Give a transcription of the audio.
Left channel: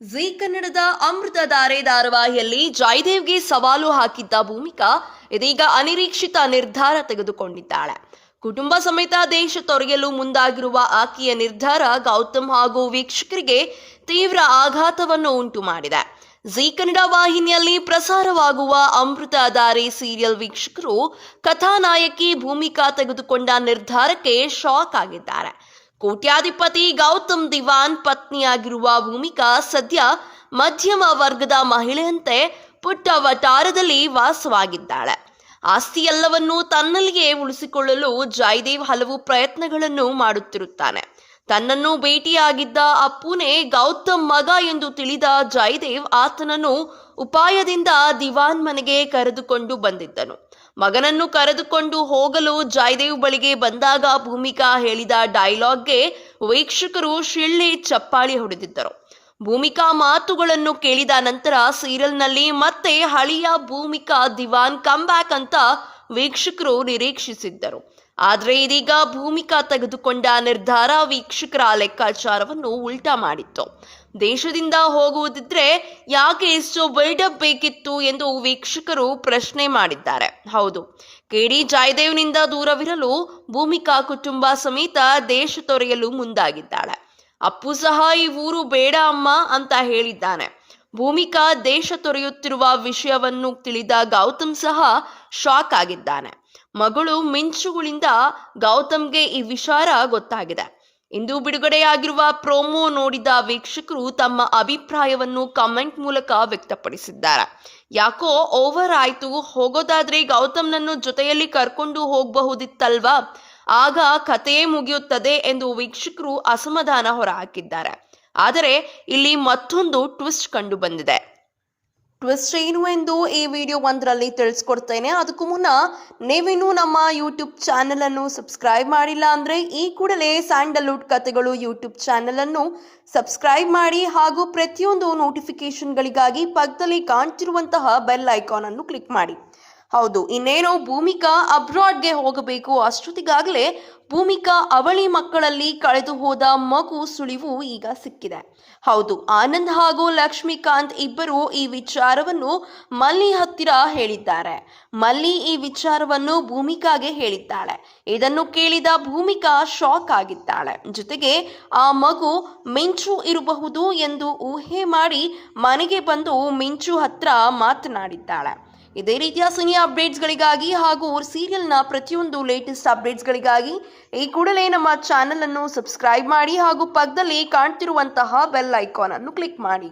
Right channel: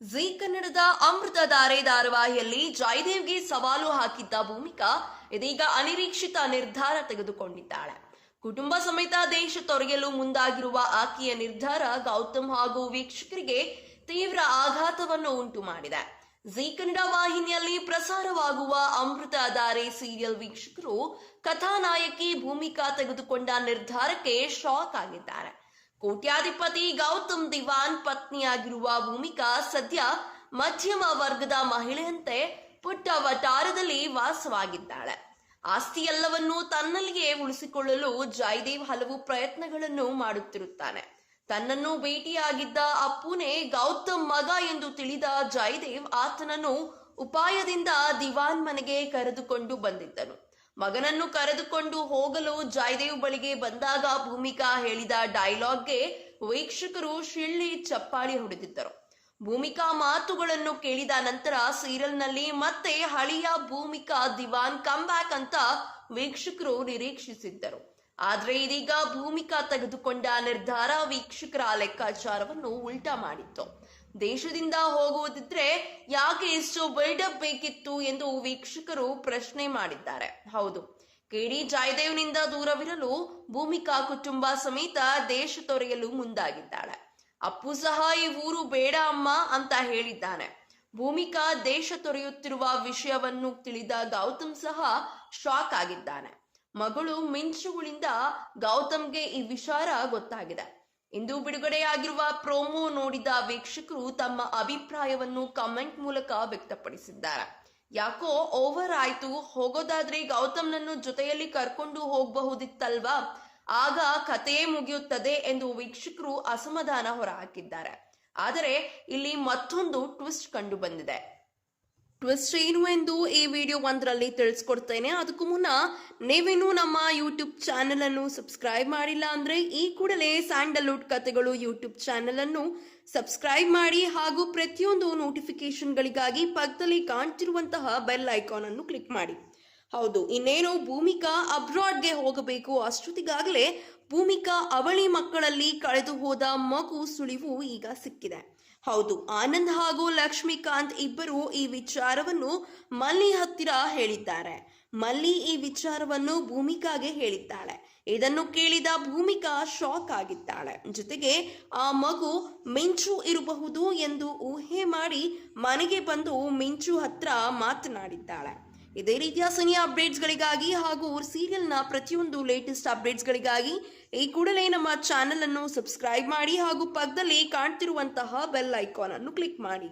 ಜೀ ಕನ್ನಡದ ಅಮೃತಧಾರೆ ಧಾರಾವಾಹಿಯಲ್ಲಿ ಜಯದೇವ್ಗೆ ಸವಾಲು ಹಾಕಿದ್ದ ಭೂಮಿಕಾ ಇದೀಗ ಅನಿರೀಕ್ಷಿತ ನಿರ್ಧಾರ ತೆಗೆದುಕೊಂಡಿದ್ದಾಳೆ. ಕುಟುಂಬ ಸಮೇತ ದೇಶ ತೊರೆಯಲು ಮುಂದಾಗಿರುವ ಆಕೆಯ ನಿರ್ಧಾರ ಗೌತಮ್ ಹಾಗೂ ವೀಕ್ಷಕರಿಗೆ ತೀವ್ರ ಆಘಾತವನ್ನು ಉಂಟು ಮಾಡಿದೆ. ಜೀ ಕನ್ನಡ ವಾಹಿನಿಯಲ್ಲಿ ಪ್ರಸಾರವಾಗುವ ಅಮೃತಧಾರೆ ಸೀರಿಯಲ್ ವೀಕ್ಷಕರು ಕಥಾನಾಯಕಿ ಭೂಮಿಕಾ ತೆಗೆದುಕೊಂಡ ನಿರ್ಧಾರಕ್ಕೆ ಶಾಕ್ ಆಗಿದ್ದಾರೆ. ಕೋಟ್ಯಾಧಿಪತಿ ಗೌತಮ್ ದಿವಾನ್ ಪತ್ನಿಯಾಗಿರುವ ಭೂಮಿಕಾ ಸದ್ಯ ಮಧ್ಯಮ ವರ್ಗದ ಮಹಿಳೆಯಂತೆ ಪುಟ್ಟ ವಟಾರದಲ್ಲಿ ವಾಸವಾಗಿದ್ದಾಳೆ. ಆಸ್ತಿಯೆಲ್ಲವನ್ನೂ ತನ್ನಲ್ಲಿಯೇ ಉಳಿಸಿಕೊಳ್ಳಲು ಜಯದೇವ್ ಹಲವು ಪ್ರಯತ್ನಗಳನ್ನು ಮಾಡುತ್ತಿರುತ್ತಾನೆ. ತನ್ನನ್ನು ಭೇಟಿಯಾಗಿದ್ದ ಅಪ್ಪುನೇ ಗೌತಮ್ ಮಗ ಎಂದು ತಿಳಿದ ಜಯದೇವ್ ಆತನನ್ನು ಉಪಾಯದಿಂದ ದಿವಾನ್ ಮನೆಗೆ ಕರೆದುಕೊಂಡು ಬಂದಿದ್ದನು. ಮಗನನ್ನು ಕರೆದುಕೊಂಡು ಹೋಗಲು ಜಯದೇವ್ ಬಳಿಗೆ ಬಂದಾಗ ಭೂಮಿಕಾ ಹೇಳಿದ ಡೈಲಾಗ್ಗೆ ವೀಕ್ಷಕರು ಶಿಳ್ಳೆ ಚಪ್ಪಾಳಿ ಹೊಡೆದಿದ್ದರು. ಭೂಮಿಕಾ ಮಾತುಗಳನ್ನು ಕೇಳಿದ ನಂತರ ಸೀರಿಯಲ್ನಲ್ಲಿ ಮತ್ತೆ ಹಳೆಯ ಭೂಮಿಕಾ ದಿವಾನ್ ಕಮ್ಬ್ಯಾಕ್ ಅಂತ ವೀಕ್ಷಕರು ನಿರೀಕ್ಷಿಸಿದ್ದರು. ಆದರೆ ಇದೀಗ ಭೂಮಿಕಾ ತೆಗೆದುಕೊಂಡ ನಿರ್ಧಾರ ವೀಕ್ಷಕರ ಲೆಕ್ಕಾಚಾರವನ್ನು ಉಲ್ಟಾ ಮಾಡಿತ್ತು. ದೇಶದಿಂದ ಹೋಗುವುದಿದ್ರೆ ಯಾಕೆ ಇಷ್ಟು ಬಿಲ್ಡಪ್ ಬೇಕಿತ್ತು ಎಂದು ವೀಕ್ಷಕರು ಪ್ರಶ್ನೆ ಮಾಡಿದ್ದಾರೆ. ಹೌದು, ಕೆಡಿ ಜಯದೇವ್ನಿಂದ ದೂರವಿರಲು ಭೂಮಿಕಾ ಕುಟುಂಬ ಸಮೇತ ದೇಶ ತೊರೆಯಲು ಮುಂದಾಗಿದ್ದಾಳೆ. ಅಪ್ಪು ಸಹ ಈ ಊರು ಬೇಡ ಅಮ್ಮ ಅಂತ ಹೇಳಿದ್ದಾನೆ. ಭೂಮಿಕಾ ದೇಶ ತೊರೆಯುತ್ತಿರುವ ವಿಷಯವನ್ನು ತಿಳಿದ ಗೌತಮ್ ಸಹ ಶಾಕ್ ಆಗಿದ್ದಾನೆ. ಮಗಳು ಮಿಂಚುಗಳಿಂದ ಗೌತಮ್ಗೆ ಈ ವಿಚಾರ ಗೊತ್ತಾಗಿದೆ. ಇಂದು ಬಿಡುಗಡೆಯಾಗಿರುವ ಪ್ರೋಮೋ ನೋಡಿದ ವೀಕ್ಷಕರು ತಮ್ಮ ಅಭಿಪ್ರಾಯವನ್ನು ಕಮೆಂಟ್ ಮೂಲಕ ವ್ಯಕ್ತಪಡಿಸಿದ್ದಾರೆ. ಯಾಕೋ ಓವರ್ ಆಯ್ತು, ಹೋಗೋದಾದ್ರೆ ಗೌತಮ್ನನ್ನು ಜೊತೆಯಲ್ಲಿ ಕರ್ಕೊಂಡು ಹೋಗಬಹುದಿತ್ತಲ್ವಾ, ಆಗ ಕಥೆಯೇ ಮುಗಿಯುತ್ತದೆ ಎಂದು ವೀಕ್ಷಕರು ಅಸಮಾಧಾನ ಹೊರಹಾಕಿದ್ದಾರೆ. ಆದರೆ ಇಲ್ಲಿ ಮತ್ತೊಂದು ಟ್ವಿಸ್ಟ್ ಕಂಡು ಬಂದಿದೆ. ಟ್ವಿಸ್ಟ್ ಏನು ಎಂದು ಈ ವಿಡಿಯೋ ಒಂದರಲ್ಲಿ ತಿಳಿಸ್ಕೊಡ್ತೇನೆ. ಅದಕ್ಕೂ ಮುನ್ನ ನೀವಿನ್ನೂ ನಮ್ಮ ಯೂಟ್ಯೂಬ್ ಚಾನಲನ್ನು ಸಬ್ಸ್ಕ್ರೈಬ್ ಮಾಡಿಲ್ಲ ಅಂದರೆ ಈ ಕೂಡಲೇ ಸ್ಯಾಂಡಲ್ವುಡ್ ಕಥೆಗಳು ಯೂಟ್ಯೂಬ್ ಚಾನಲನ್ನು ಸಬ್ಸ್ಕ್ರೈಬ್ ಮಾಡಿ ಹಾಗೂ ಪ್ರತಿಯೊಂದು ನೋಟಿಫಿಕೇಶನ್ಗಳಿಗಾಗಿ ಪಕ್ಕದಲ್ಲಿ ಕಾಣ್ತಿರುವಂತಹ ಬೆಲ್ ಐಕಾನನ್ನು ಕ್ಲಿಕ್ ಮಾಡಿ. ಹೌದು, ಇನ್ನೇನೋ ಭೂಮಿಕಾ ಅಬ್ರಾಡ್ಗೆ ಹೋಗಬೇಕು ಅಷ್ಟೊತ್ತಿಗಾಗಲೇ ಭೂಮಿಕಾ ಅವಳಿ ಮಕ್ಕಳಲ್ಲಿ ಕಳೆದು ಹೋದ ಮಗು ಸುಳಿವು ಈಗ ಸಿಕ್ಕಿದೆ. ಹೌದು, ಆನಂದ್ ಹಾಗೂ ಲಕ್ಷ್ಮೀಕಾಂತ್ ಇಬ್ಬರು ಈ ವಿಚಾರವನ್ನು ಮಲ್ಲಿ ಹತ್ತಿರ ಹೇಳಿದ್ದಾರೆ. ಮಲ್ಲಿ ಈ ವಿಚಾರವನ್ನು ಭೂಮಿಕಾಗೆ ಹೇಳಿದ್ದಾಳೆ. ಇದನ್ನು ಕೇಳಿದ ಭೂಮಿಕಾ ಶಾಕ್ ಆಗಿದ್ದಾಳೆ. ಜೊತೆಗೆ ಆ ಮಗು ಮಿಂಚು ಇರಬಹುದು ಎಂದು ಊಹೆ ಮಾಡಿ ಮನೆಗೆ ಬಂದು ಮಿಂಚು ಹತ್ರ ಮಾತನಾಡಿದ್ದಾಳೆ. ಇದೇ ರೀತಿಯ ಸಿನಿ ಅಪ್ಡೇಟ್ಸ್ಗಳಿಗಾಗಿ ಹಾಗೂ ಸೀರಿಯಲ್ನ ಪ್ರತಿಯೊಂದು ಲೇಟೆಸ್ಟ್ ಅಪ್ಡೇಟ್ಸ್ಗಳಿಗಾಗಿ ಈ ಕೂಡಲೇ ನಮ್ಮ ಚಾನಲನ್ನು ಸಬ್ಸ್ಕ್ರೈಬ್ ಮಾಡಿ ಹಾಗೂ ಪಕ್ಕದಲ್ಲಿ ಕಾಣ್ತಿರುವಂತಹ ಬೆಲ್ ಐಕಾನ್ ಅನ್ನು ಕ್ಲಿಕ್ ಮಾಡಿ.